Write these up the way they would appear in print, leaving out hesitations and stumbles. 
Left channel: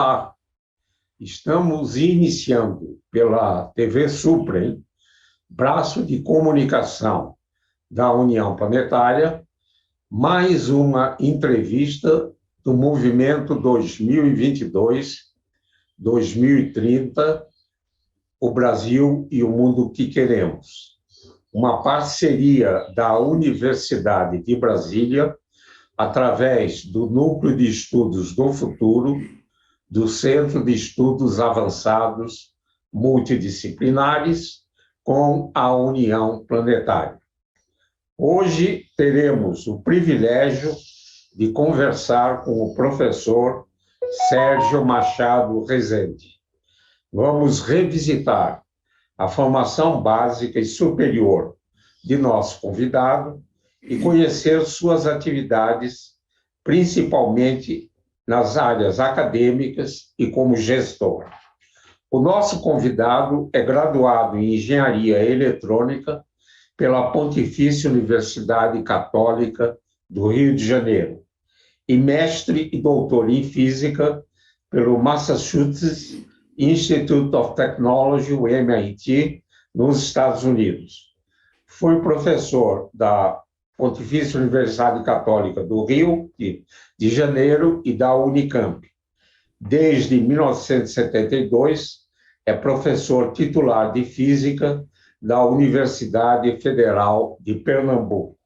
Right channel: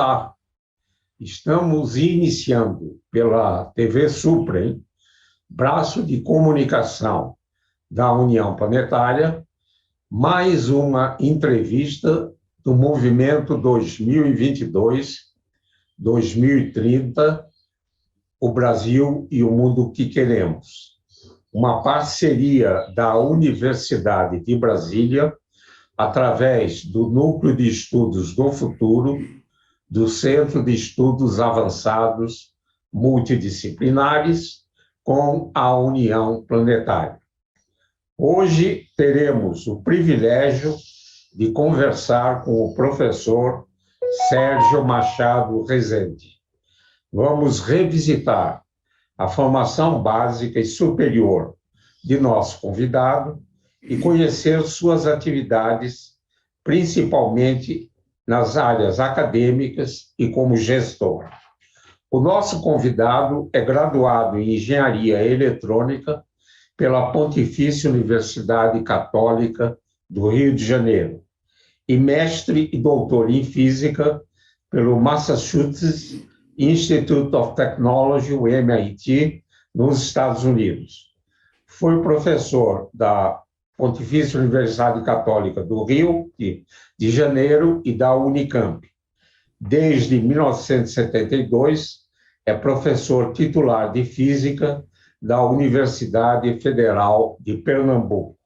Olá, estamos iniciando pela TV Suprem, braço de comunicação da União Planetária, mais uma entrevista do Movimento 2022-2030, o Brasil e o Mundo que Queremos. Uma parceria da Universidade de Brasília, através do Núcleo de Estudos do Futuro, do Centro de Estudos Avançados Multidisciplinares, com a União Planetária. Hoje teremos o privilégio de conversar com o professor Sérgio Machado Rezende. Vamos revisitar a formação básica e superior de nosso convidado e conhecer suas atividades, principalmente nas áreas acadêmicas e como gestor. O nosso convidado é graduado em Engenharia Eletrônica pela Pontifícia Universidade Católica do Rio de Janeiro e mestre e doutor em Física pelo Massachusetts Institute of Technology, o MIT, nos Estados Unidos. Foi professor da Pontifícia Universidade Católica do Rio de Janeiro e da Unicamp. Desde 1972, é professor titular de Física da Universidade Federal de Pernambuco.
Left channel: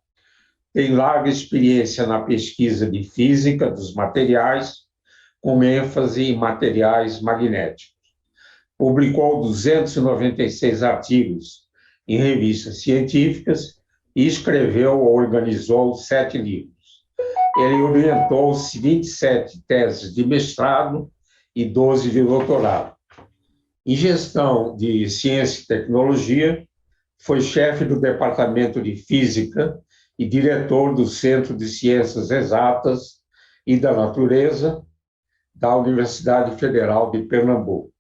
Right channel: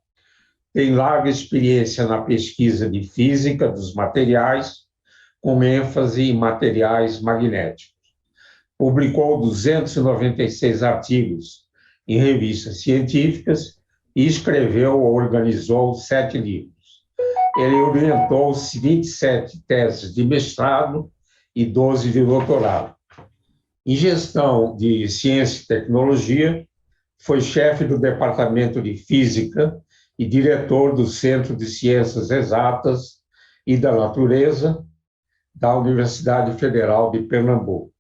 Tem larga experiência na pesquisa de física dos materiais, com ênfase em materiais magnéticos. Publicou 296 artigos em revistas científicas e escreveu ou organizou 7 livros. Ele orientou 27 teses de mestrado e 12 de doutorado. Em gestão de ciência e tecnologia, foi chefe do Departamento de Física e diretor do Centro de Ciências Exatas e da Natureza da Universidade Federal de Pernambuco.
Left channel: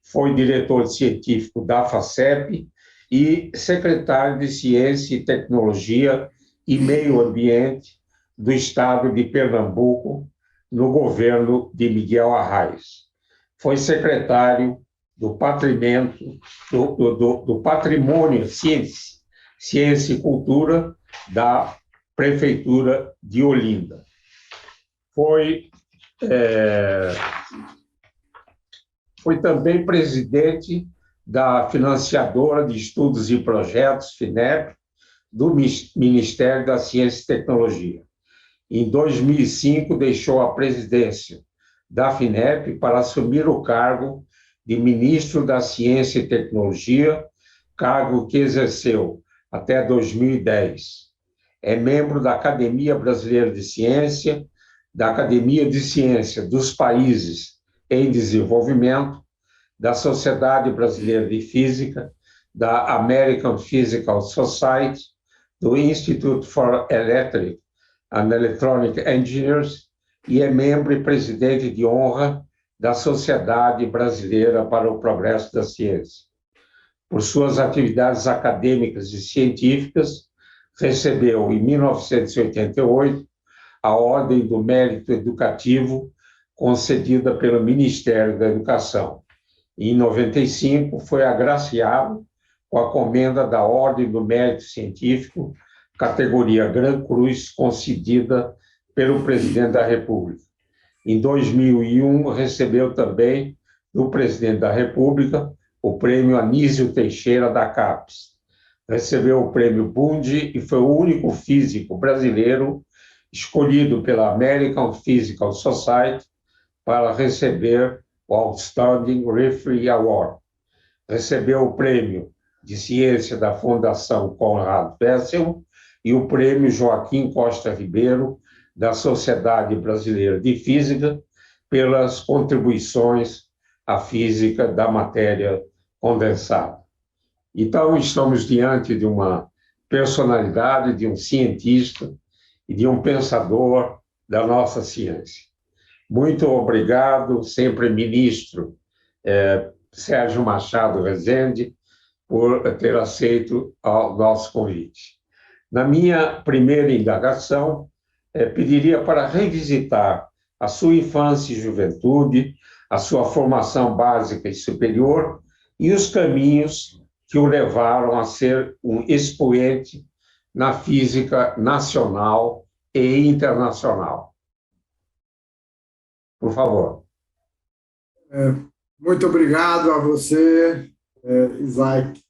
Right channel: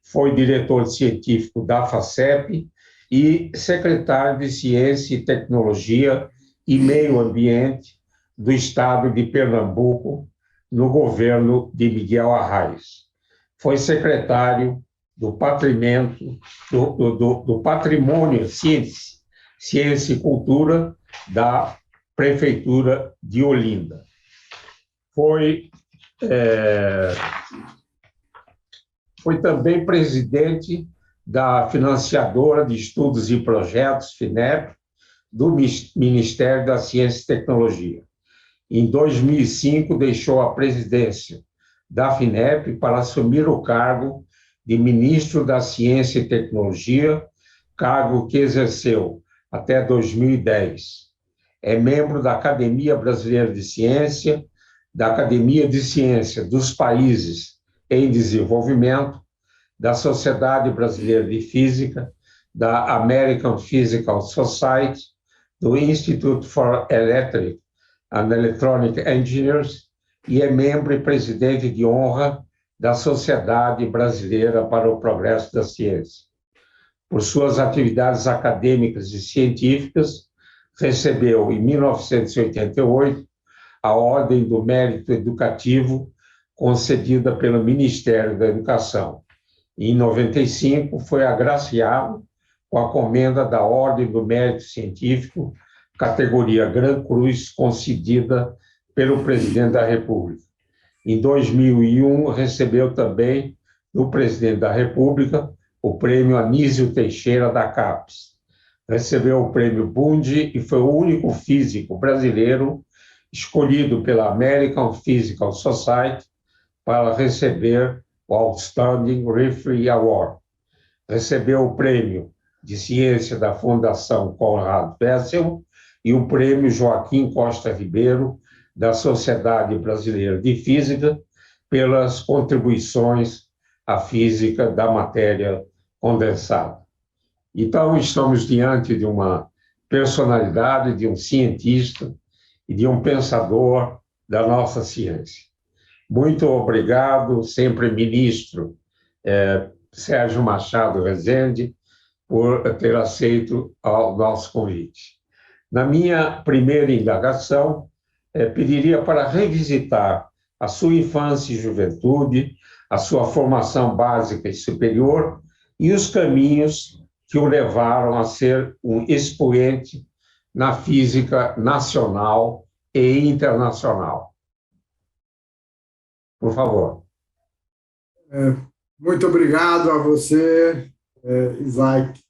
Foi diretor científico da FACEP e secretário de Ciência e Tecnologia e Meio Ambiente do Estado de Pernambuco, no governo de Miguel Arraes. Foi secretário do Patrimônio, Ciência e Cultura da Prefeitura de Olinda. Foi também presidente da Financiadora de Estudos e Projetos, FINEP, do Ministério da Ciência e Tecnologia. Em 2005, deixou a presidência da FINEP para assumir o cargo de Ministro da Ciência e Tecnologia, cargo que exerceu até 2010. É membro da Academia Brasileira de Ciência, da Academia de Ciência dos Países em Desenvolvimento, da Sociedade Brasileira de Física, da American Physical Society, do Institute for Electric and Electronic Engineers e é membro e presidente de honra da Sociedade Brasileira para o Progresso da Ciência. Por suas atividades acadêmicas e científicas, recebeu, em 1988, a Ordem do Mérito Educativo, concedida pelo Ministério da Educação. Em 95, foi agraciado com a comenda da Ordem do Mérito Científico, categoria Gran Cruz, concedida pelo Presidente da República. Em 2001, recebeu também, do Presidente da República, o Prêmio Anísio Teixeira da CAPES. Recebeu o Prêmio Bunge e foi o único físico brasileiro escolhido pela American Physical Society para receber o Outstanding Referee Award. Recebeu o Prêmio de Ciência da Fundação Conrad Wessel e o Prêmio Joaquim Costa Ribeiro da Sociedade Brasileira de Física pelas contribuições à física da matéria condensada. Então, estamos diante de uma personalidade, de um cientista e de um pensador da nossa ciência. Muito obrigado, sempre ministro Sérgio Machado Rezende, por ter aceito o nosso convite. Na minha primeira indagação, pediria para revisitar a sua infância e juventude, a sua formação básica e superior e os caminhos que o levaram a ser um expoente na física nacional e internacional. Por favor. Muito obrigado a você, Isaac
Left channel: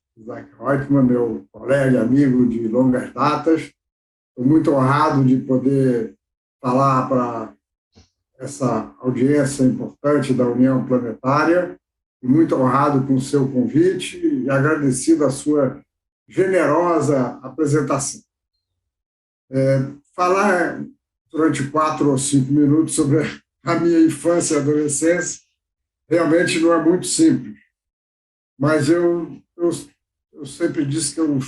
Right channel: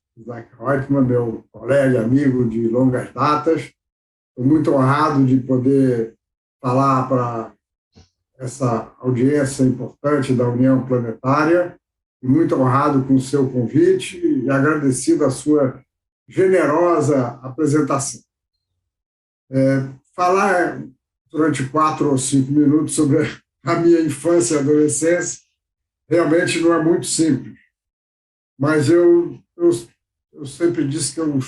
Reutemann, meu colega e amigo de longas datas. Estou muito honrado de poder falar para essa audiência importante da União Planetária e muito honrado com o seu convite e agradecido a sua generosa apresentação. Falar durante 4 ou 5 minutos sobre a minha infância e adolescência realmente não é muito simples, mas eu sempre disse que eu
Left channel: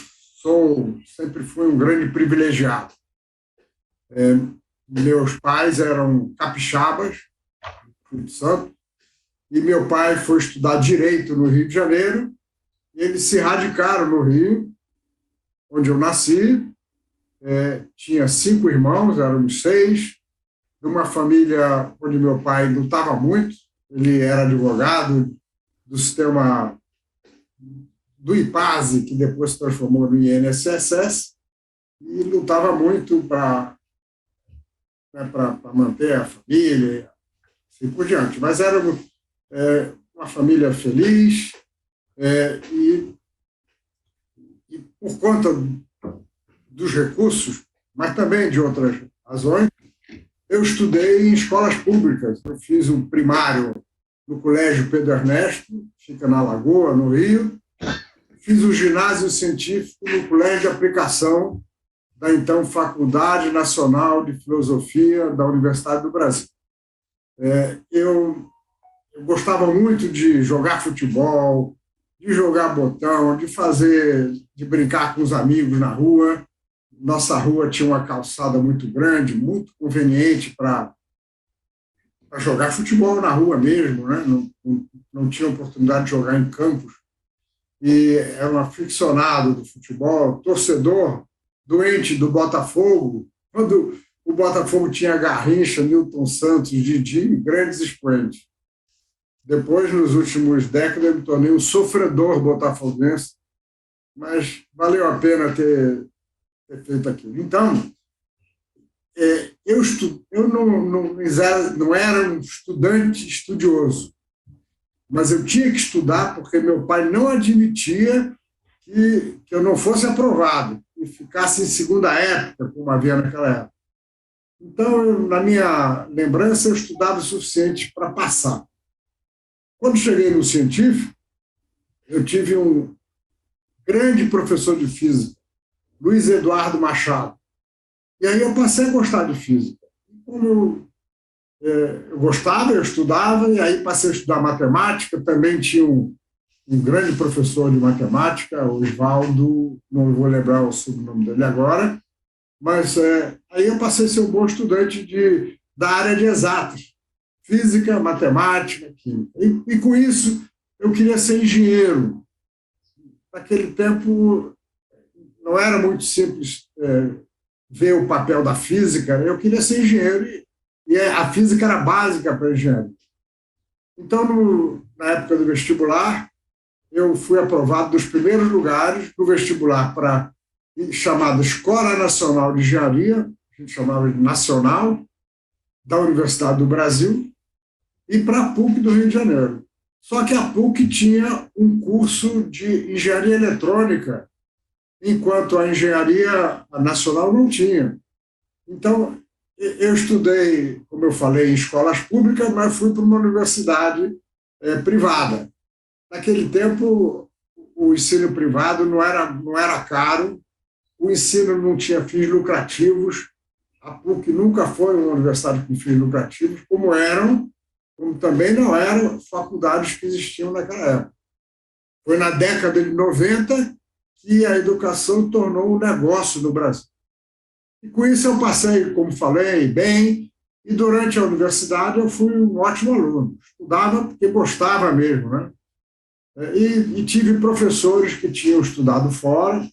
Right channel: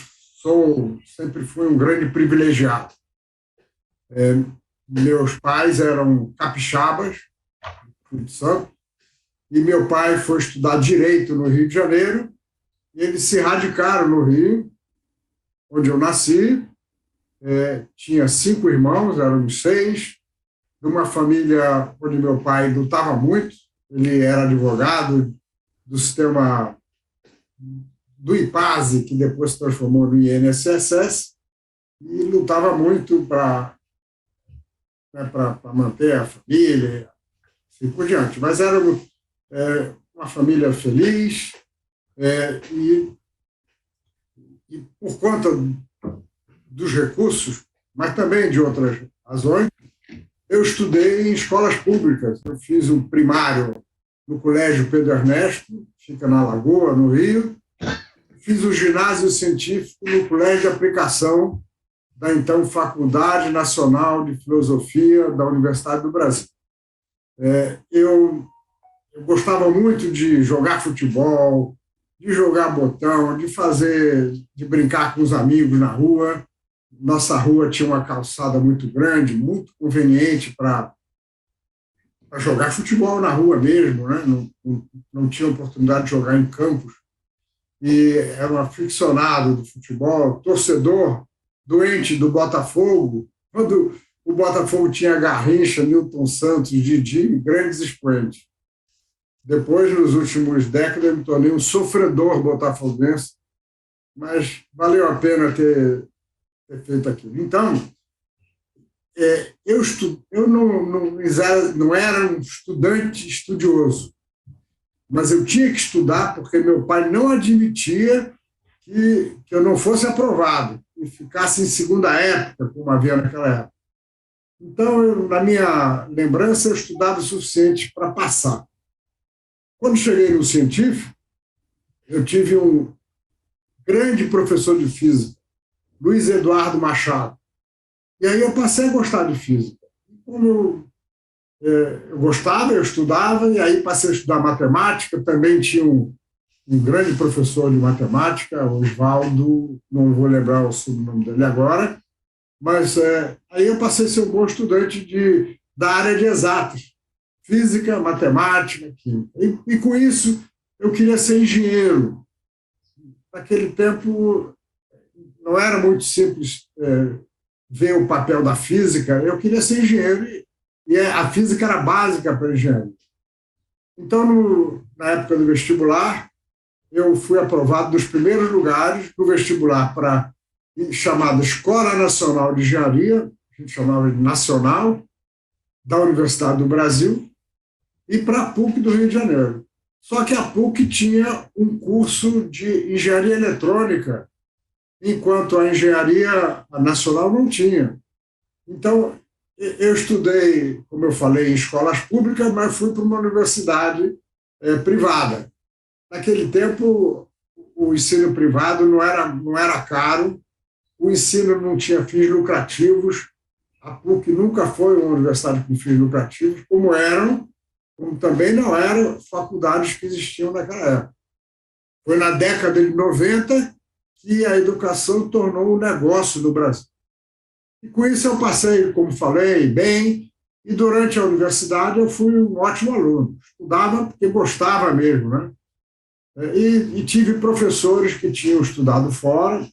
sempre fui um grande privilegiado. Meus pais eram capixabas, do Espírito Santo, e meu pai foi estudar Direito no Rio de Janeiro, e eles se radicaram no Rio, onde eu nasci. Tinha 5 irmãos, éramos 6, de uma família onde meu pai lutava muito. Ele era advogado do sistema do IPASE, que depois se transformou no INSS, e lutava muito para manter a família, assim por diante. Mas era uma família feliz, e por conta dos recursos, mas também de outras razões, eu estudei em escolas públicas. Eu fiz o primário no Colégio Pedro Ernesto, fica na Lagoa, no Rio. Fiz o ginásio científico no Colégio de Aplicação da então Faculdade Nacional de Filosofia da Universidade do Brasil. Eu gostava muito de jogar futebol, de jogar botão, de brincar com os amigos na rua. Nossa rua tinha uma calçada muito grande, muito conveniente para jogar futebol na rua mesmo, né? Não tinha oportunidade de jogar em campos. E era um aficionado do futebol, torcedor doente do Botafogo. Quando o Botafogo tinha Garrincha, Nilton Santos, Didi, grandes expoentes. Depois, nos últimos décadas, eu me tornei um sofredor botafoguense, mas valeu a pena ter feito aquilo. Então, eu não era um estudante estudioso, mas eu tinha que estudar porque meu pai não admitia que eu não fosse aprovado e ficasse em segunda época, como havia naquela época. Então, na minha lembrança, eu estudava o suficiente para passar. Quando cheguei no científico, eu tive um grande professor de física, Luiz Eduardo Machado. E aí eu passei a gostar de física. Como eu gostava, eu estudava, e aí passei a estudar matemática. Também tinha um grande professor de matemática, Oswaldo, não vou lembrar o sobrenome dele agora, mas aí eu passei a ser um bom estudante da área de exatas, física, matemática, química. E com isso, eu queria ser engenheiro. Naquele tempo, não era muito simples ver o papel da física. Eu queria ser engenheiro e a física era básica para engenharia. Então, na época do vestibular, eu fui aprovado dos primeiros lugares no vestibular para chamada Escola Nacional de Engenharia, a gente chamava de Nacional, da Universidade do Brasil, e para a PUC do Rio de Janeiro. Só que a PUC tinha um curso de engenharia eletrônica, enquanto a engenharia nacional não tinha. Então, eu estudei, como eu falei, em escolas públicas, mas fui para uma universidade privada. Naquele tempo, o ensino privado não era caro, o ensino não tinha fins lucrativos, a PUC nunca foi uma universidade com fins lucrativos, como também não eram faculdades que existiam naquela época. Foi na década de 90 que a educação tornou um negócio no Brasil. E com isso eu passei, como falei, bem, e durante a universidade eu fui um ótimo aluno. Estudava porque gostava mesmo, né? E tive professores que tinham estudado fora,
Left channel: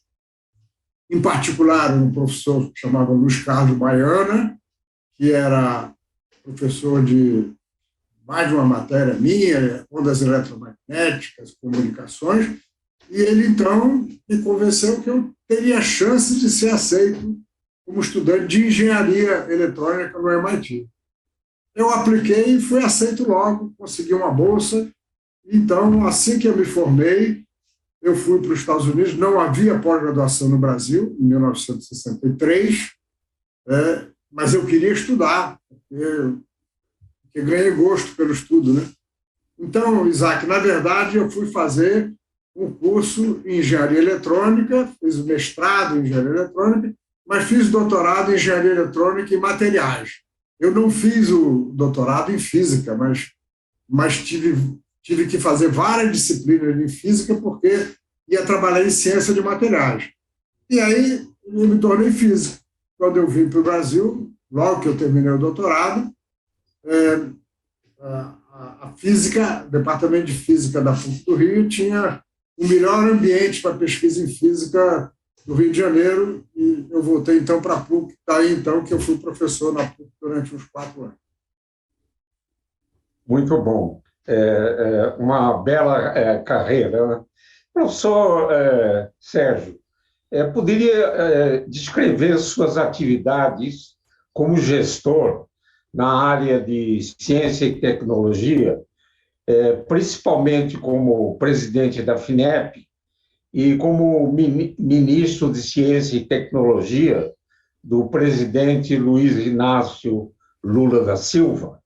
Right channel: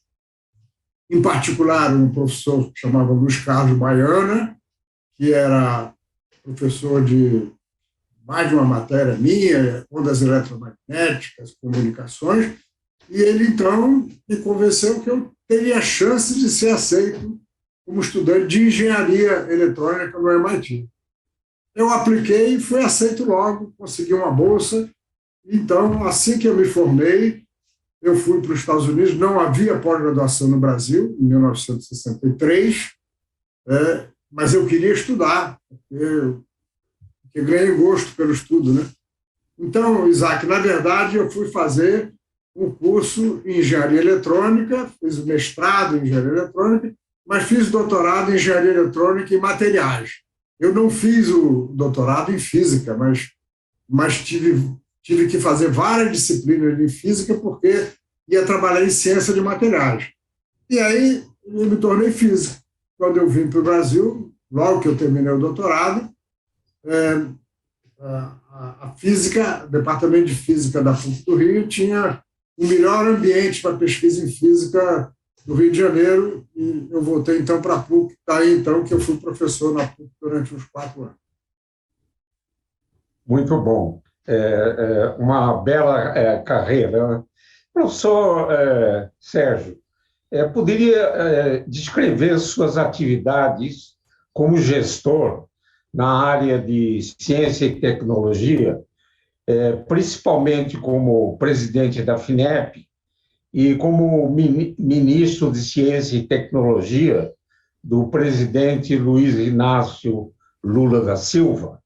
em particular um professor que chamava Luiz Carlos Baiana, que era professor de mais de uma matéria minha, ondas eletromagnéticas, comunicações, e ele, então, me convenceu que eu teria chance de ser aceito como estudante de engenharia eletrônica no MIT. Eu apliquei e fui aceito logo, consegui uma bolsa. Então, assim que eu me formei, eu fui para os Estados Unidos. Não havia pós-graduação no Brasil, em 1963, mas eu queria estudar, porque ganhei gosto pelo estudo, né? Então, Isaac, na verdade, eu fui fazer um curso em engenharia eletrônica, fiz o mestrado em engenharia eletrônica, mas fiz doutorado em engenharia eletrônica e materiais. Eu não fiz o doutorado em física, mas tive que fazer várias disciplinas de física porque ia trabalhar em ciência de materiais. E aí eu me tornei físico. Quando eu vim para o Brasil, logo que eu terminei o doutorado, a física, o departamento de física da PUC do Rio tinha o melhor ambiente para pesquisa em física do Rio de Janeiro, e eu voltei então para a PUC, daí então que eu fui professor na PUC durante uns 4 anos. Muito bom. Uma bela carreira, né? Professor Sérgio, poderia descrever suas atividades como gestor na área de ciência e tecnologia, principalmente como presidente da FINEP e como ministro de Ciência e Tecnologia do presidente Luiz Inácio Lula da Silva?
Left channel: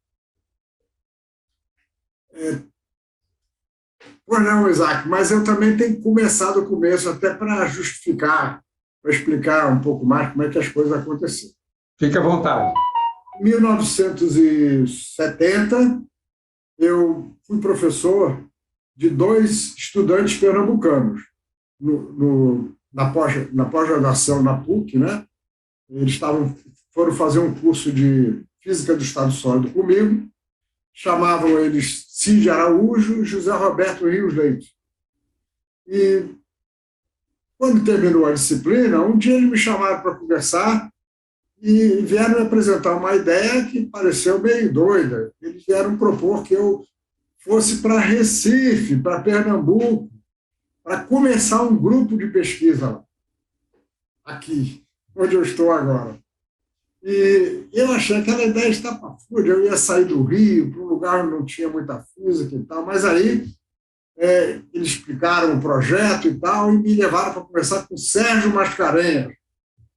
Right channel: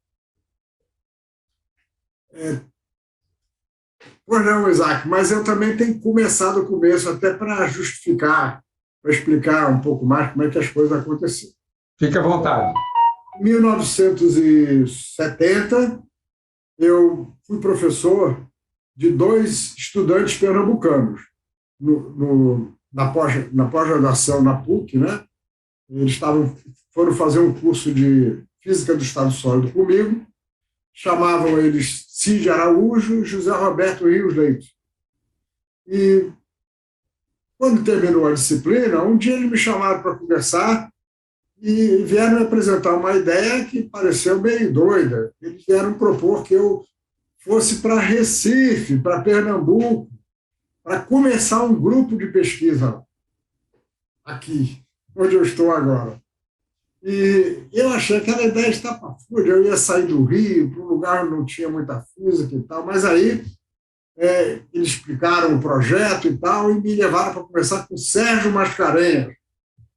Pois não, Isaac, mas eu também tenho que começar do começo, até para justificar, para explicar um pouco mais como é que as coisas aconteceram. Fique à vontade. Em 1970, eu fui professor de 2 estudantes pernambucanos na pós-graduação na PUC, né? Eles foram fazer um curso de Física do Estado Sólido comigo, chamavam eles Cid Araújo e José Roberto Rios Leite. E, quando terminou a disciplina, um dia eles me chamaram para conversar e vieram me apresentar uma ideia que pareceu meio doida. Eles vieram propor que eu fosse para Recife, para Pernambuco, para começar um grupo de pesquisa aqui, onde eu estou agora. E eu achei aquela ideia estapafúrdia, eu ia sair do Rio para um lugar onde não tinha muita física e tal, mas aí eles explicaram o projeto e tal, e me levaram para conversar com Sérgio Mascarenhas,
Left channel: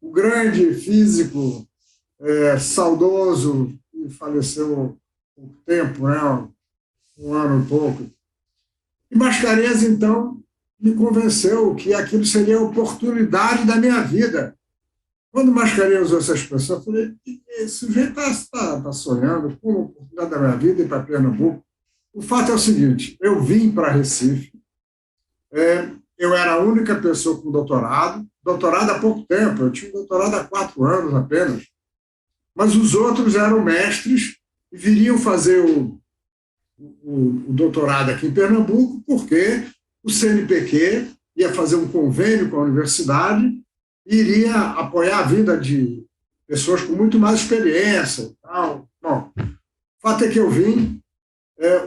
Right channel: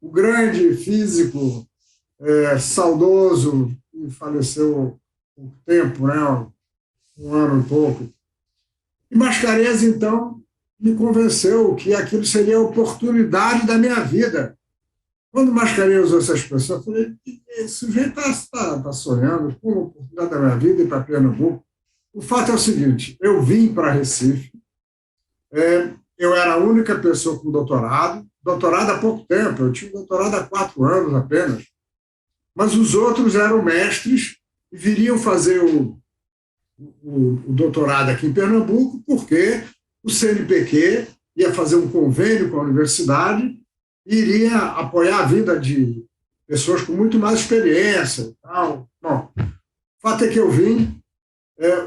o grande físico saudoso, que faleceu há pouco tempo, né? Um ano e pouco. E Mascarenhas, então, me convenceu que aquilo seria a oportunidade da minha vida. Quando Mascarenhas usou essa expressão, eu falei, esse sujeito está sonhando com a oportunidade da minha vida ir para Pernambuco. O fato é o seguinte, eu vim para Recife, eu era a única pessoa com doutorado há pouco tempo, eu tinha doutorado há 4 anos apenas, mas os outros eram mestres e viriam fazer o doutorado aqui em Pernambuco porque o CNPq ia fazer um convênio com a universidade e iria apoiar a vida de pessoas com muito mais experiência e tal. Bom, o fato é que eu vim,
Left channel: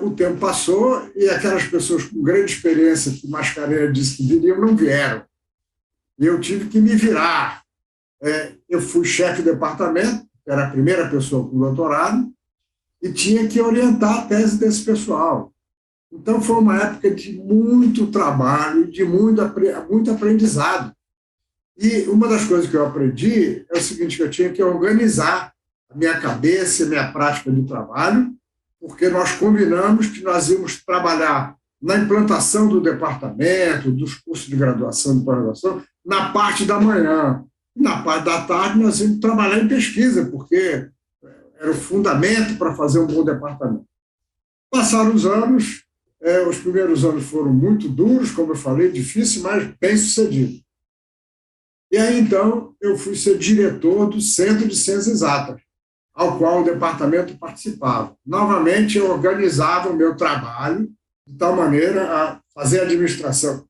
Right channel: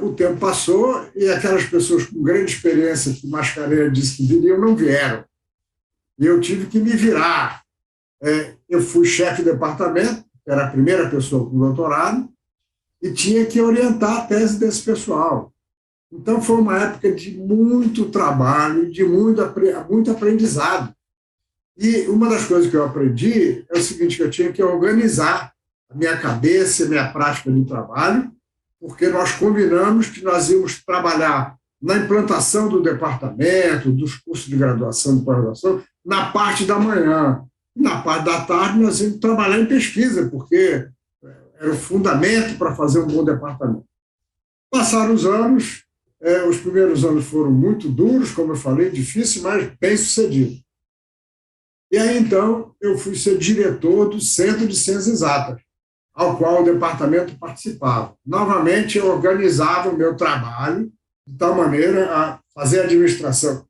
o tempo passou e aquelas pessoas com grande experiência que Mascarenhas disse que viriam, não vieram. E eu tive que me virar. Eu fui chefe de departamento, era a primeira pessoa com doutorado, e tinha que orientar a tese desse pessoal. Então, foi uma época de muito trabalho, de muito aprendizado. E uma das coisas que eu aprendi é o seguinte, que eu tinha que organizar a minha cabeça e a minha prática de trabalho, porque nós combinamos que nós íamos trabalhar na implantação do departamento, dos cursos de graduação e pós-graduação, na parte da manhã. Na parte da tarde, nós íamos trabalhar em pesquisa, porque era o fundamento para fazer um bom departamento. Passaram os anos, os primeiros anos foram muito duros, como eu falei, difíceis, mas bem-sucedidos. E aí, então, eu fui ser diretor do Centro de Ciências Exatas, ao qual o departamento participava. Novamente, eu organizava o meu trabalho de tal maneira a fazer a administração,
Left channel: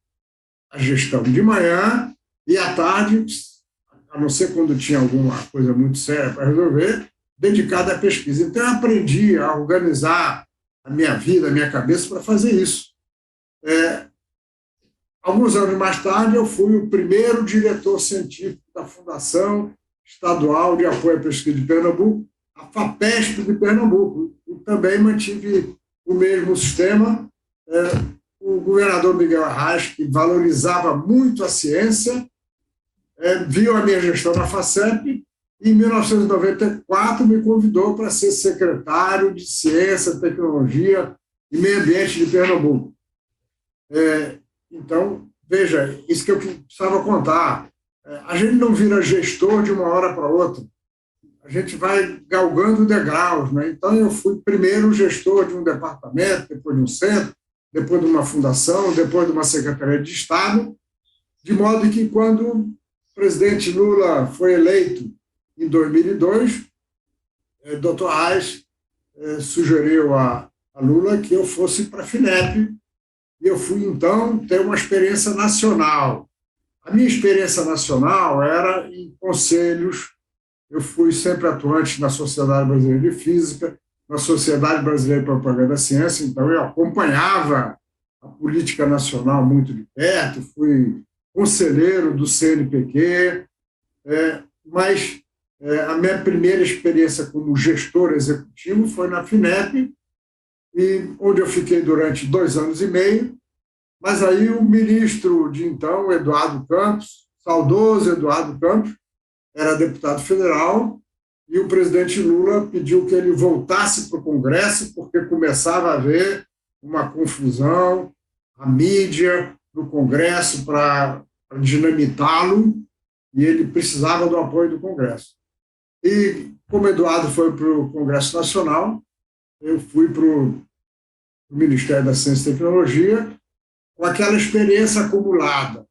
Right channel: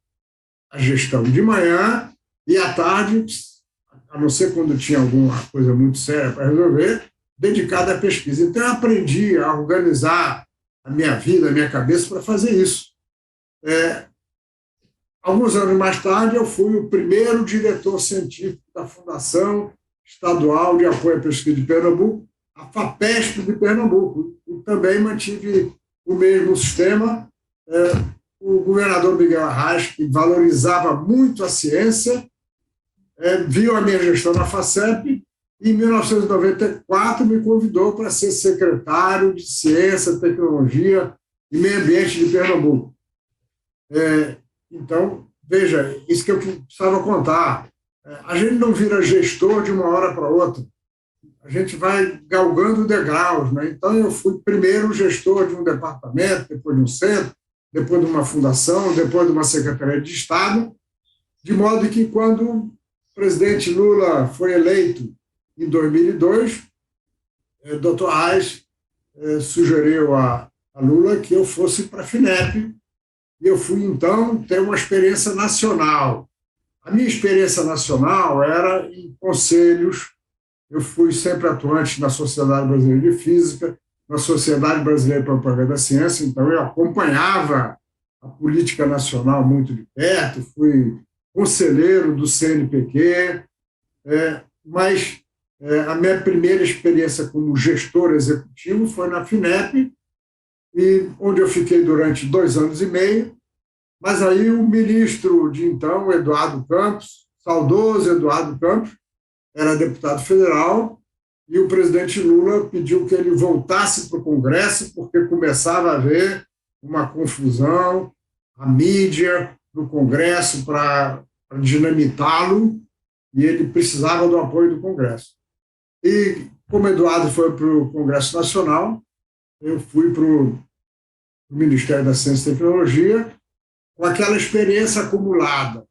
a gestão de manhã e à tarde, a não ser quando tinha alguma coisa muito séria para resolver, dedicada à pesquisa. Então, eu aprendi a organizar a minha vida, a minha cabeça para fazer isso. Alguns anos mais tarde, eu fui o primeiro diretor científico da Fundação Estadual de Apoio à Pesquisa de Pernambuco, a FAPESP de Pernambuco, e também mantive o mesmo sistema. O governador Miguel Arraes, que valorizava muito a ciência, viu a minha gestão na FACEP e, em 1994, me convidou para ser secretário de Ciência, Tecnologia e Meio Ambiente de Pernambuco. Então, veja, isso que eu precisava contar. A gente não vira gestor de uma hora para outra. A gente vai galgando degraus, né? Então, eu fui primeiro gestor de um departamento, depois de um centro, depois de uma fundação, depois de uma secretaria de Estado, de modo que, quando o presidente Lula foi eleito em 2002, o Dr. Arraes sugeriu a Lula que eu fosse para a FINEP, e eu fui, então, ter uma experiência nacional. A minha experiência nacional era em conselhos. Eu fui sempre atuante na Sociedade Brasileira de Física, na Sociedade Brasileira de Propaganda da Ciência, então eu acompanhava a política nacional muito de perto, fui conselheiro do CNPq, mas a minha primeira experiência como gestor executivo foi na FINEP, e onde eu fiquei durante 2 anos e meio, mas aí o ministro de então, Eduardo Campos, saudoso Eduardo Campos, era deputado federal, e o presidente Lula pediu que ele voltasse para o Congresso, porque começava a haver uma confusão, a mídia no Congresso para dinamitá-lo, e ele precisava do apoio do Congresso. E, como Eduardo foi para o Congresso Nacional, eu fui para o Ministério da Ciência e Tecnologia, com aquela experiência acumulada,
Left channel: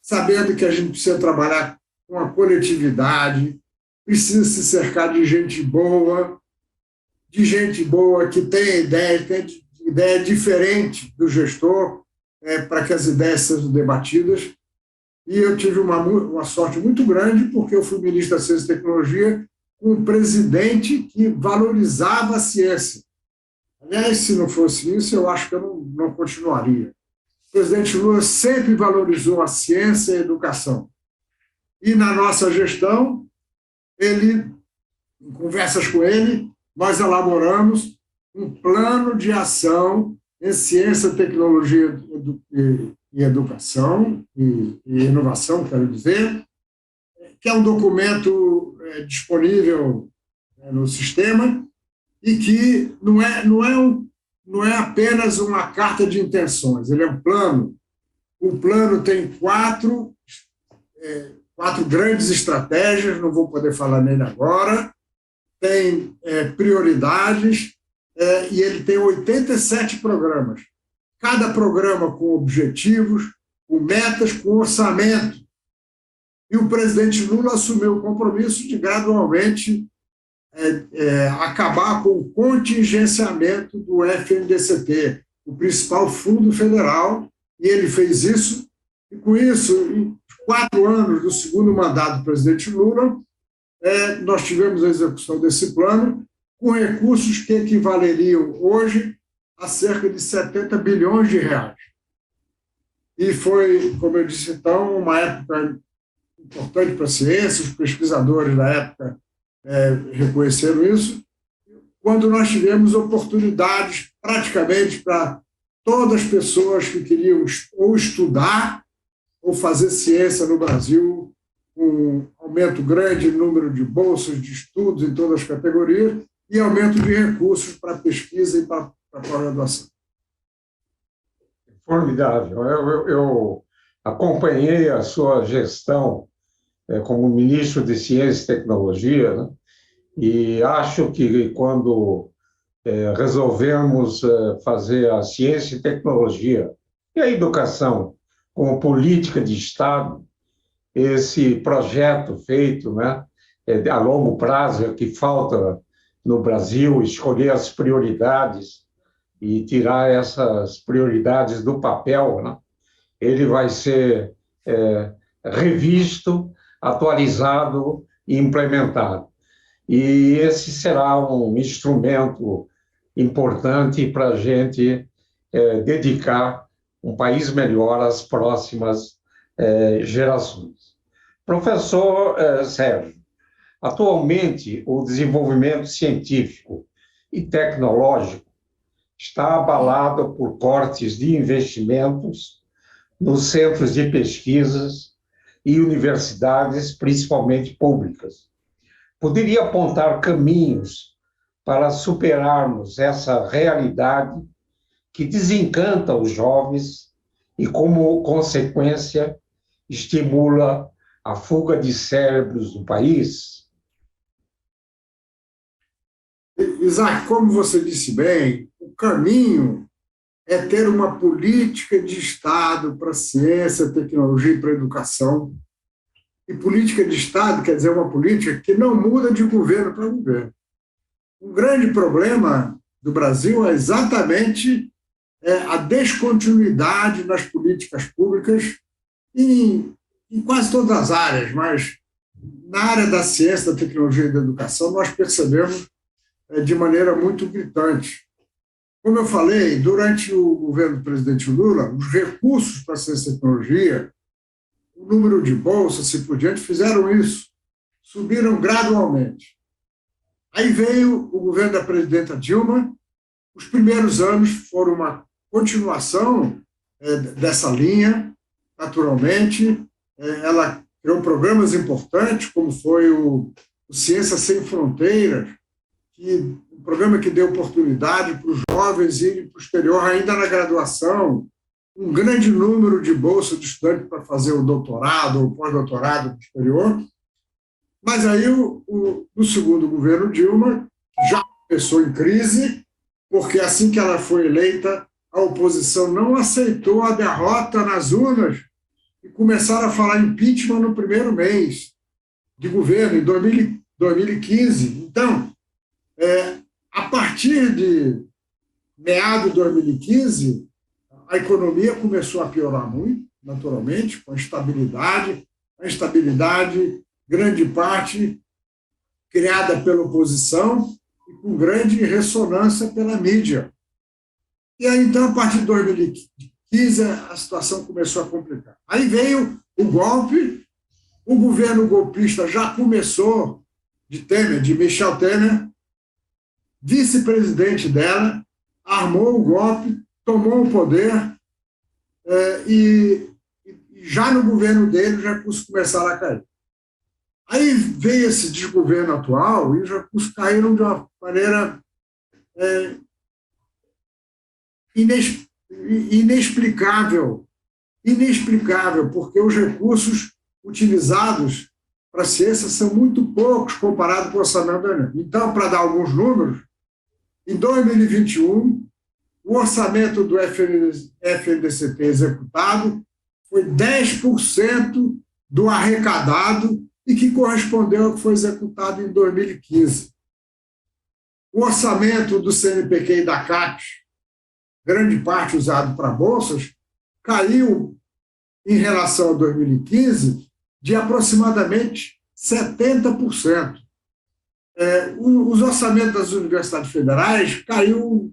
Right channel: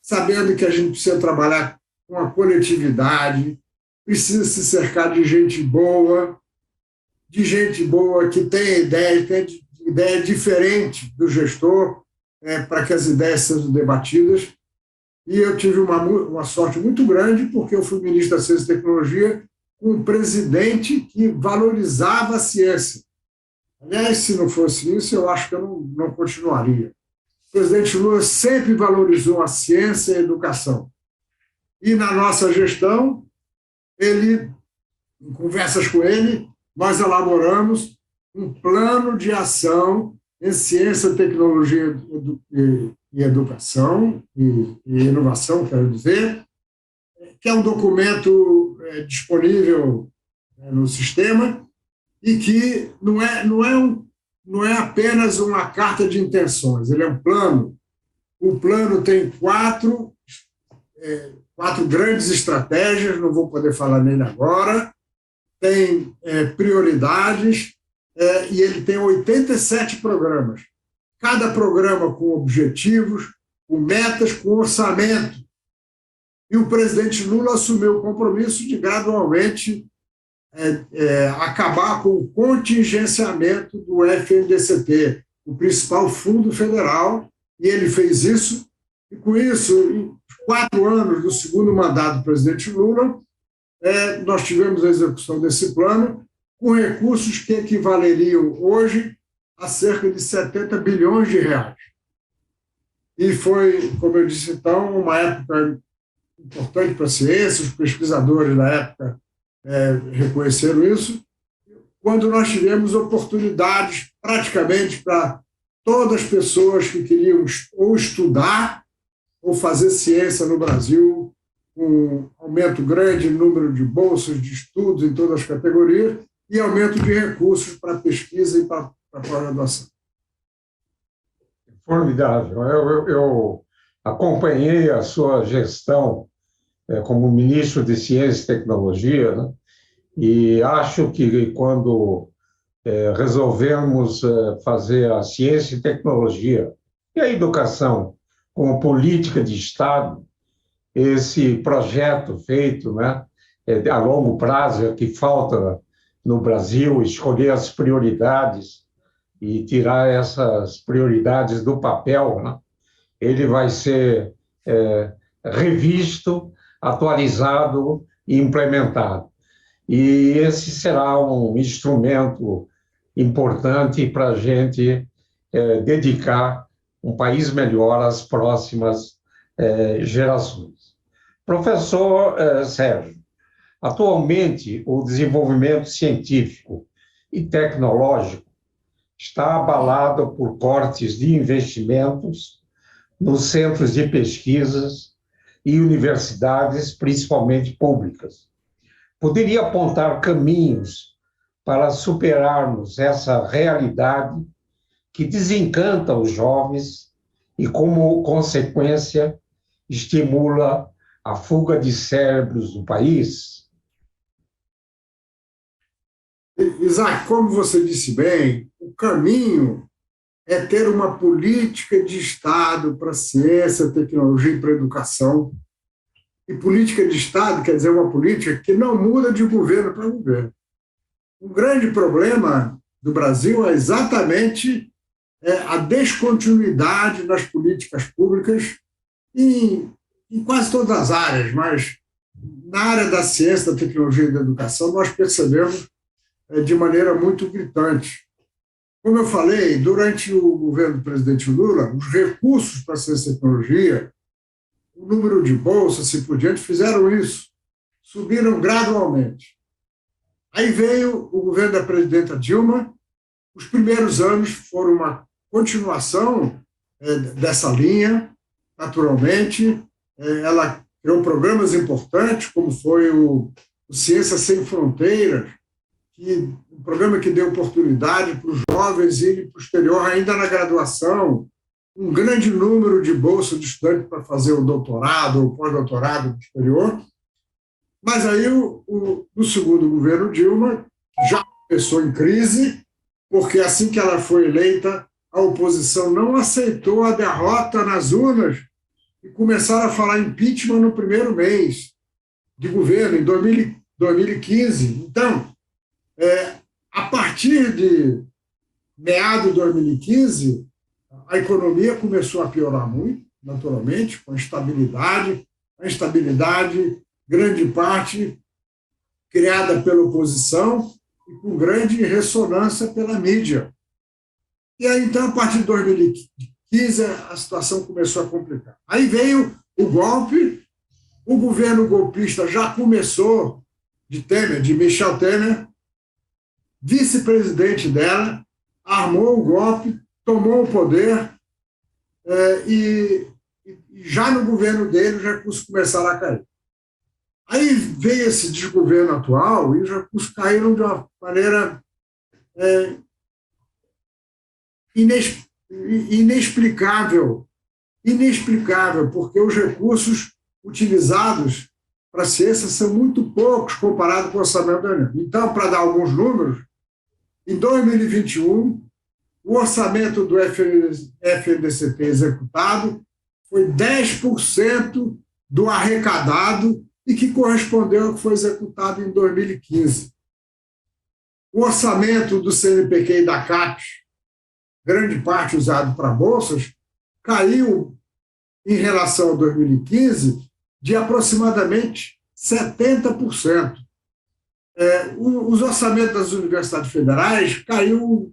sabendo que a gente precisa trabalhar com a coletividade, precisa se cercar de gente boa que tem ideia diferente do gestor, para que as ideias sejam debatidas. E eu tive uma sorte muito grande, porque eu fui ministro da Ciência e Tecnologia com um presidente que valorizava a ciência. Aliás, se não fosse isso, eu acho que eu não continuaria. O presidente Lula sempre valorizou a ciência e a educação. E na nossa gestão, em conversas com ele, nós elaboramos um plano de ação em ciência, tecnologia e educação, e inovação, quero dizer, que é um documento disponível no sistema e que não é apenas uma carta de intenções, ele é um plano. O plano tem quatro grandes estratégias, não vou poder falar nele agora, tem prioridades, e ele tem 87 programas. Cada programa com objetivos, com metas, com orçamento. E o presidente Lula assumiu o compromisso de gradualmente acabar com o contingenciamento do FNDCT, o principal fundo federal, e ele fez isso. E, com isso, em 4 anos do segundo mandato do presidente Lula, nós tivemos a execução desse plano com recursos que equivaleriam hoje a cerca de 70 bilhões de reais. E foi, como eu disse, então, uma época importante para a ciência, os pesquisadores da época reconheceram isso, quando nós tivemos oportunidades praticamente para todas as pessoas que queriam ou estudar ou fazer ciência no Brasil, com um aumento grande no número de bolsas de estudos em todas as categorias e aumento de recursos para pesquisa e para pós-graduação. Formidável. Eu acompanhei a sua gestão como ministro de Ciência e Tecnologia, né? E acho que quando resolvemos fazer a ciência e tecnologia e a educação como política de Estado, esse projeto feito, né, a longo prazo, que falta no Brasil, escolher as prioridades e tirar essas prioridades do papel, né, ele vai ser revisto, atualizado e implementado. E esse será um instrumento importante para a gente dedicar um país melhor às próximas gerações. Professor Sérgio, atualmente o desenvolvimento científico e tecnológico está abalado por cortes de investimentos nos centros de pesquisas e universidades, principalmente públicas. Poderia apontar caminhos para superarmos essa realidade que desencanta os jovens e, como consequência, estimula a fuga de cérebros do país? Isaac, como você disse bem, o caminho é ter uma política de Estado para ciência, tecnologia e para educação. E política de Estado quer dizer uma política que não muda de governo para governo. O grande problema do Brasil é exatamente a descontinuidade nas políticas públicas em quase todas as áreas, mas na área da ciência, da tecnologia e da educação nós percebemos de maneira muito gritante. Como eu falei, durante o governo do presidente Lula, os recursos para a ciência e tecnologia, o número de bolsas, assim por diante, fizeram isso, subiram gradualmente. Aí veio o governo da presidenta Dilma, os primeiros anos foram uma continuação dessa linha, naturalmente. Ela criou programas importantes, como foi o Ciência Sem Fronteiras, um programa que deu oportunidade para os jovens irem para o exterior ainda na graduação, um grande número de bolsas de estudante para fazer o doutorado ou pós-doutorado no exterior. Mas aí, no segundo governo Dilma, já começou em crise, porque assim que ela foi eleita, a oposição não aceitou a derrota nas urnas e começaram a falar impeachment no primeiro mês de governo, em 2015. Então, a partir de meados de 2015, a economia começou a piorar muito, naturalmente, com a instabilidade, grande parte criada pela oposição e com grande ressonância pela mídia. E aí, então, a partir de 2015, a situação começou a complicar. Aí veio o golpe, o governo golpista já começou, de Michel Temer, vice-presidente dela, armou o golpe, tomou o poder e já no governo dele os recursos começaram a cair. Aí veio esse desgoverno atual e os recursos caíram de uma maneira inexplicável, porque os recursos utilizados para a ciência são muito poucos comparados com o orçamento da União. Então, para dar alguns números, em 2021, o orçamento do FNDCT executado foi 10% do arrecadado e que correspondeu ao que foi executado em 2015. O orçamento do CNPq e da CAPES, grande parte usado para bolsas, caiu em relação a 2015 de aproximadamente 70%. Os orçamentos das universidades federais caiu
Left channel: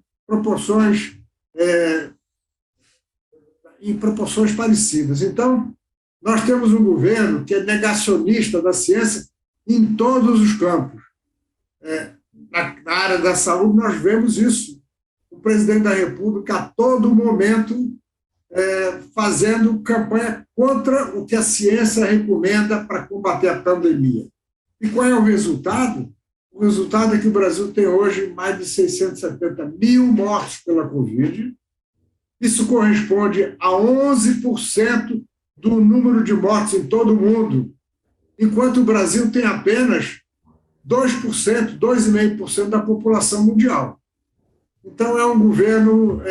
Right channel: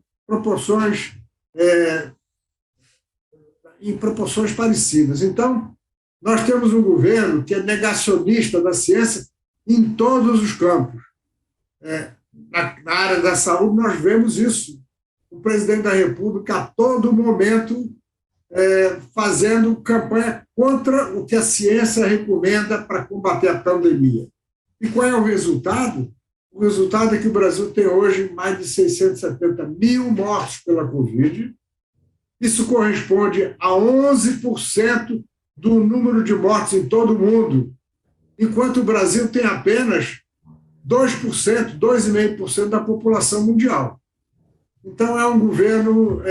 em proporções parecidas. Então, nós temos um governo que é negacionista da ciência em todos os campos. Na área da saúde, nós vemos isso. O presidente da República, a todo momento, fazendo campanha contra o que a ciência recomenda para combater a pandemia. E qual é o resultado? O resultado é que o Brasil tem hoje mais de 670 mil mortos pela Covid. Isso corresponde a 11% do número de mortes em todo o mundo, enquanto o Brasil tem apenas 2%, 2,5% da população mundial. Então, é um governo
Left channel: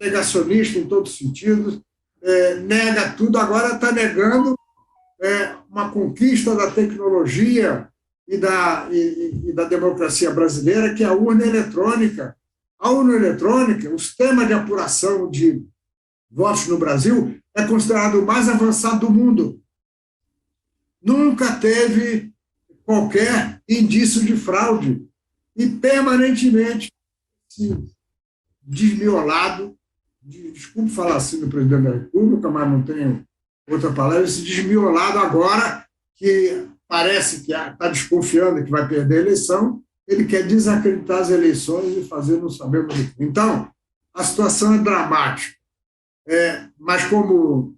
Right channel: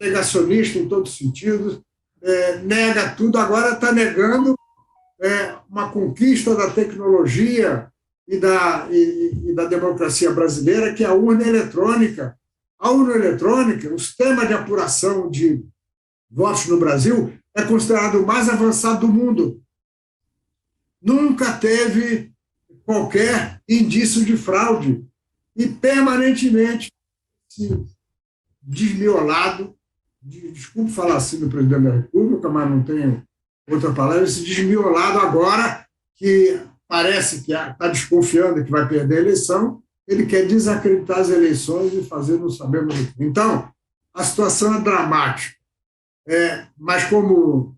negacionista em todos os sentidos, nega tudo, agora está negando uma conquista da tecnologia e da democracia brasileira, que é a urna eletrônica. A urna eletrônica, o sistema de apuração de votos no Brasil, é considerado o mais avançado do mundo. Nunca teve qualquer indício de fraude. E, permanentemente, esse desmiolado, desculpe falar assim do presidente da República, mas não tenho outra palavra, esse desmiolado agora que parece que está desconfiando que vai perder a eleição, ele quer desacreditar as eleições e fazer não sabemos o que. Então, a situação é dramática. Mas, como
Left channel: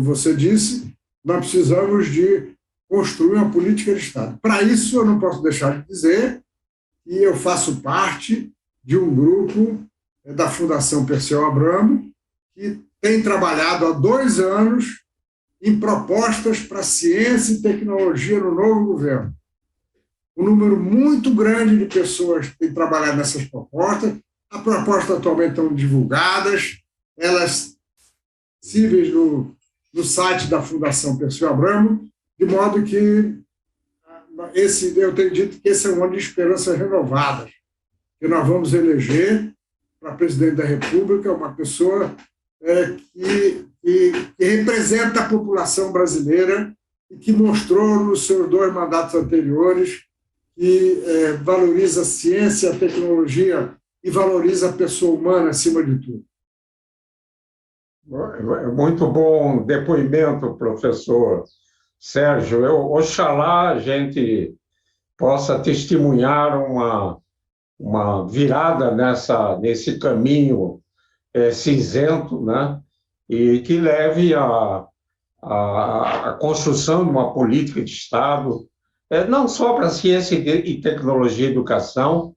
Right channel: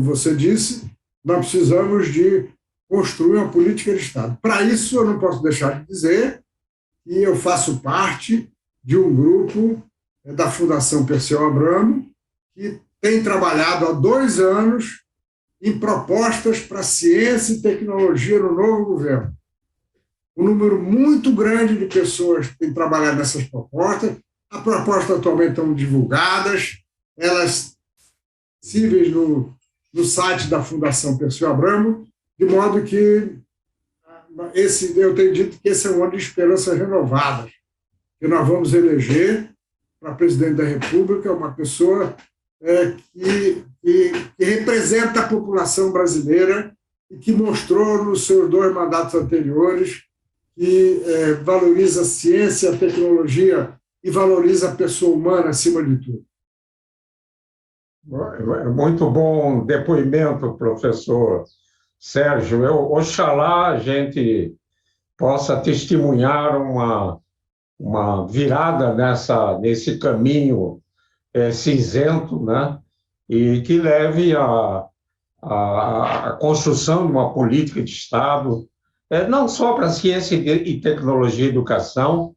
você disse, nós precisamos de construir uma política de Estado. Para isso, eu não posso deixar de dizer que eu faço parte de um grupo da Fundação Perseu Abramo, que tem trabalhado há 2 anos em propostas para ciência e tecnologia no novo governo. Um número muito grande de pessoas tem trabalhado nessas propostas. As propostas atualmente estão divulgadas, elas acessíveis no site da Fundação Perseu Abramo, de modo que eu tenho dito que esse é um ano de esperanças renovadas, que nós vamos eleger para presidente da República uma pessoa que representa a população brasileira e que mostrou nos seus 2 mandatos anteriores que valoriza a ciência, a tecnologia e valoriza a pessoa humana acima de tudo. Muito bom depoimento, professor Sérgio. Oxalá a gente possa testemunhar uma virada nesse caminho cinzento, né? E que leve à construção de uma política de Estado, não só para ciência e tecnologia e educação,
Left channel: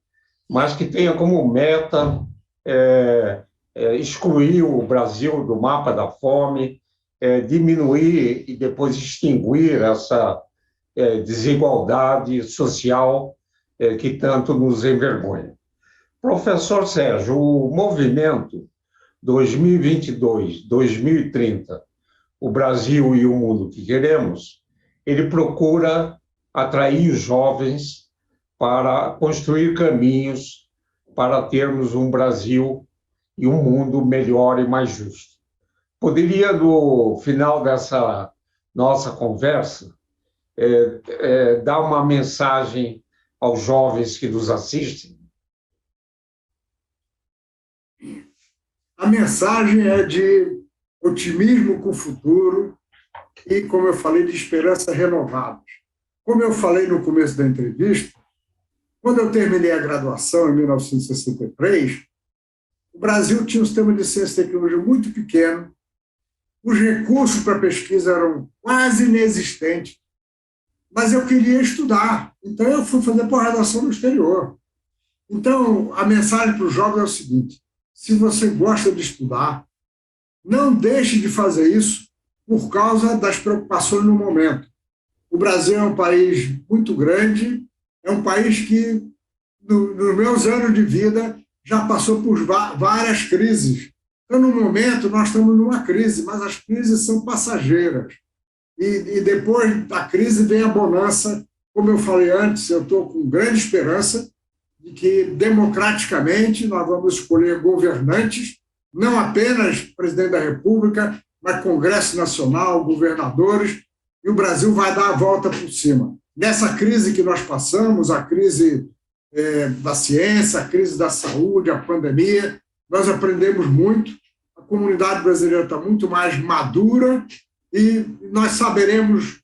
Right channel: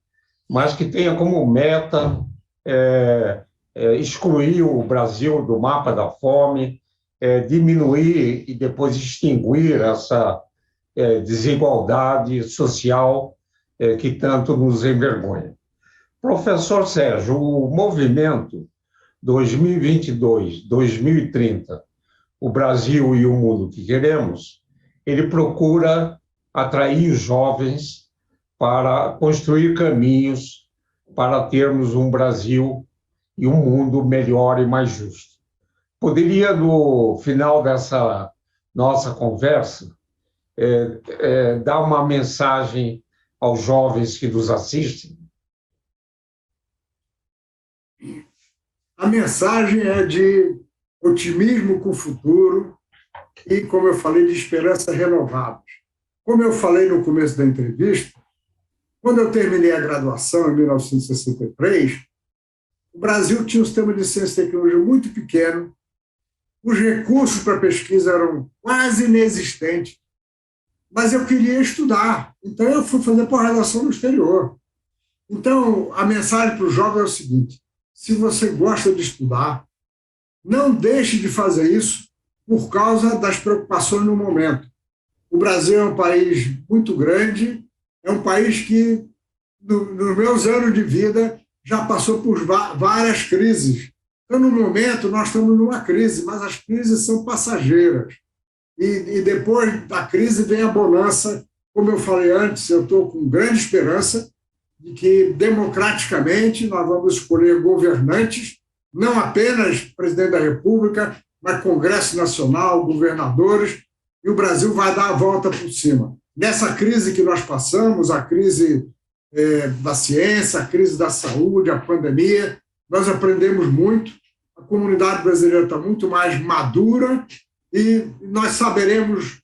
mas que tenha como meta excluir o Brasil do mapa da fome, diminuir e depois extinguir essa desigualdade social que tanto nos envergonha. Professor Sérgio, o movimento 2022-2030, o Brasil e o mundo que queremos, ele procura atrair os jovens para construir caminhos para termos um Brasil e um mundo melhor e mais justo. Poderia, no final dessa nossa conversa, dar uma mensagem aos jovens que nos assistem? A mensagem é de otimismo com o futuro e, como eu falei, de esperança renovada. Como eu falei no começo da entrevista, quando eu terminei a graduação, em 1963, o Brasil tinha um sistema de ciência e tecnologia muito pequeno, os recursos para pesquisa eram quase inexistentes, mas eu queria estudar, então eu fui fazer pós-graduação no exterior. Então, a mensagem para os jovens é o seguinte: se você gosta de estudar, não deixe de fazer isso por causa das preocupações no momento. O Brasil é um país muito grande, é um país que, nos meus anos de vida, já passou por várias crises. Então, no momento, nós estamos numa crise, mas as crises são passageiras. E depois da crise vem a bonança. Como eu falei antes, eu estou com grande esperança de que, democraticamente, nós vamos escolher governantes, não apenas presidente da República, mas Congresso Nacional, governadores, e o Brasil vai dar a volta por cima. Nessa crise que nós passamos, a crise da ciência, a crise da saúde, a pandemia, nós aprendemos muito, a comunidade brasileira está muito mais madura e nós saberemos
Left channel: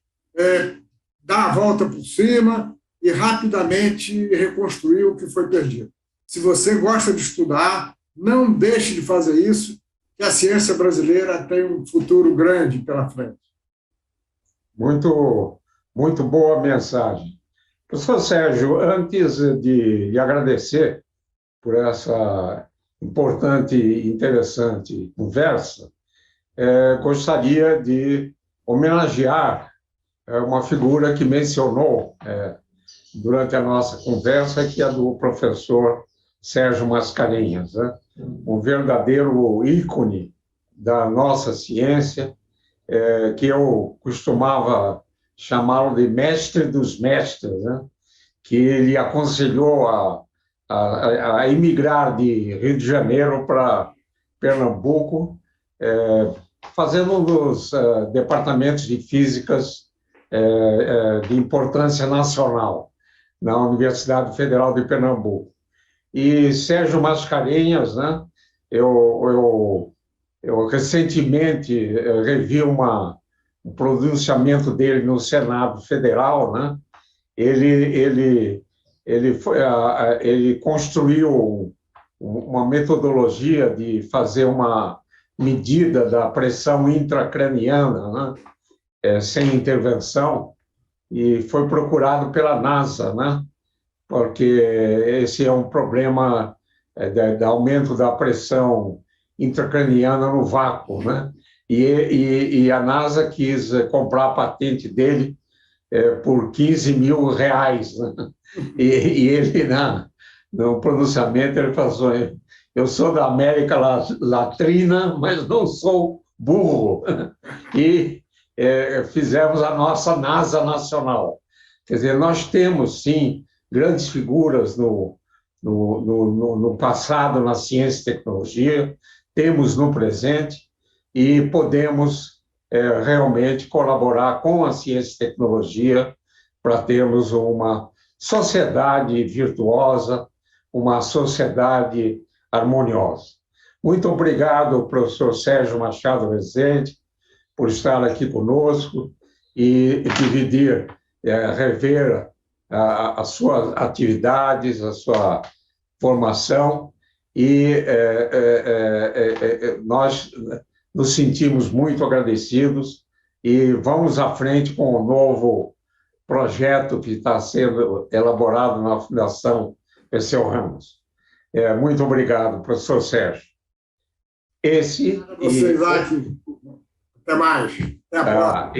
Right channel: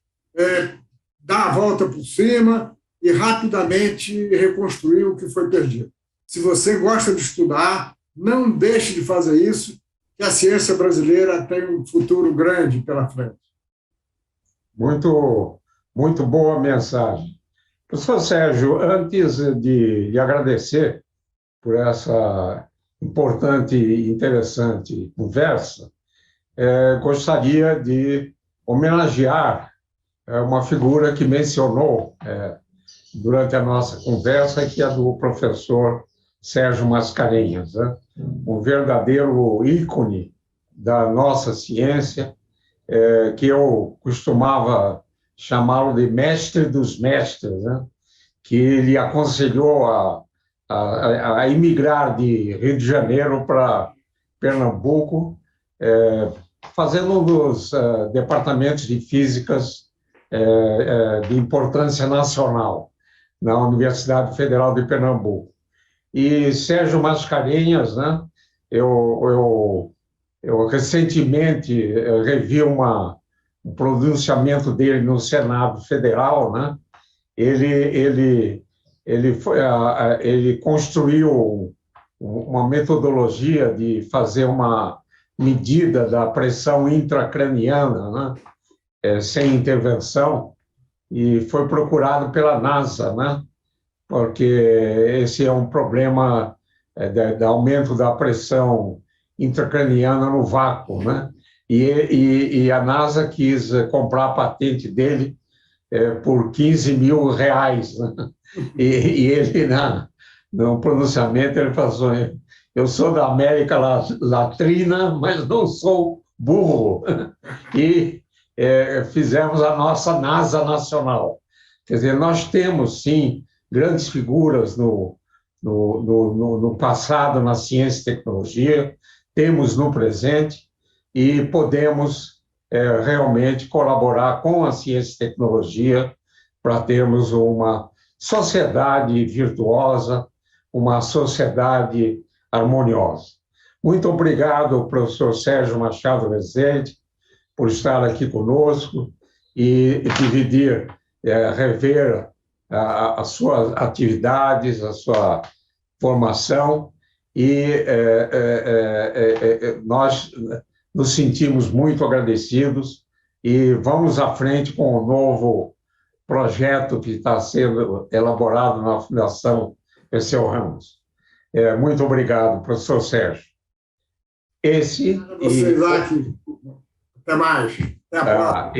dar a volta por cima e rapidamente reconstruir o que foi perdido. Se você gosta de estudar, não deixe de fazer isso, que a ciência brasileira tem um futuro grande pela frente. Muito, muito boa mensagem. Professor Sérgio, antes de agradecer por essa importante e interessante conversa, gostaria de homenagear uma figura que mencionou durante a nossa conversa, que é a do professor Sérgio Mascarenhas, né? Um verdadeiro ícone da nossa ciência, que eu costumava chamá-lo de mestre dos mestres, né? Que ele aconselhou a emigrar de Rio de Janeiro para Pernambuco, fazendo um dos departamentos de físicas de importância nacional na Universidade Federal de Pernambuco. E Sérgio Mascarenhas, né? Eu recentemente revi um pronunciamento dele no Senado Federal, né? Ele, ele construiu uma metodologia de fazer uma medida da pressão intracraniana, né? Sem intervenção, e foi procurado pela NASA, né? Porque esse é um problema de aumento da pressão intracraniana no vácuo, né? E a NASA quis comprar a patente dele por R$ 15.000, né? E ele, no pronunciamento, ele falou: eu sou da América Latina, mas não sou burro. E fizemos a nossa NASA nacional. Quer dizer, nós temos, sim, grandes figuras no passado na ciência e tecnologia, temos no presente, e podemos realmente colaborar com a ciência e tecnologia para termos uma sociedade virtuosa, uma sociedade harmoniosa. Muito obrigado, professor Sérgio Machado Rezende, por estar aqui conosco e dividir, rever as suas atividades, a sua formação, e nós nos sentimos muito agradecidos e vamos à frente com o novo projeto que está sendo elaborado na Fundação Perseu Ramos. Muito obrigado, professor Sérgio. Você, Isaac. Até mais. Até a próxima.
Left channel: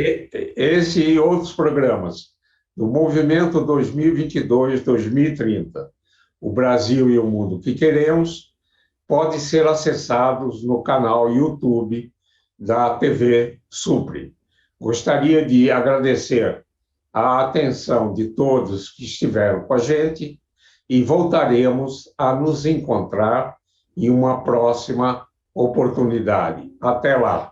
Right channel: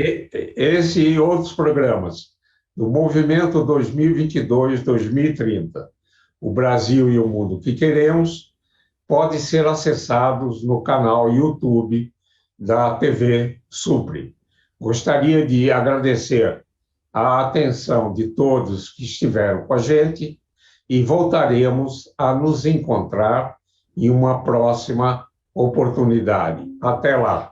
Esse e outros programas do Movimento 2022-2030, o Brasil e o Mundo que Queremos, podem ser acessados no canal YouTube da TV Supre. Gostaria de agradecer a atenção de todos que estiveram com a gente e voltaremos a nos encontrar em uma próxima oportunidade. Até lá!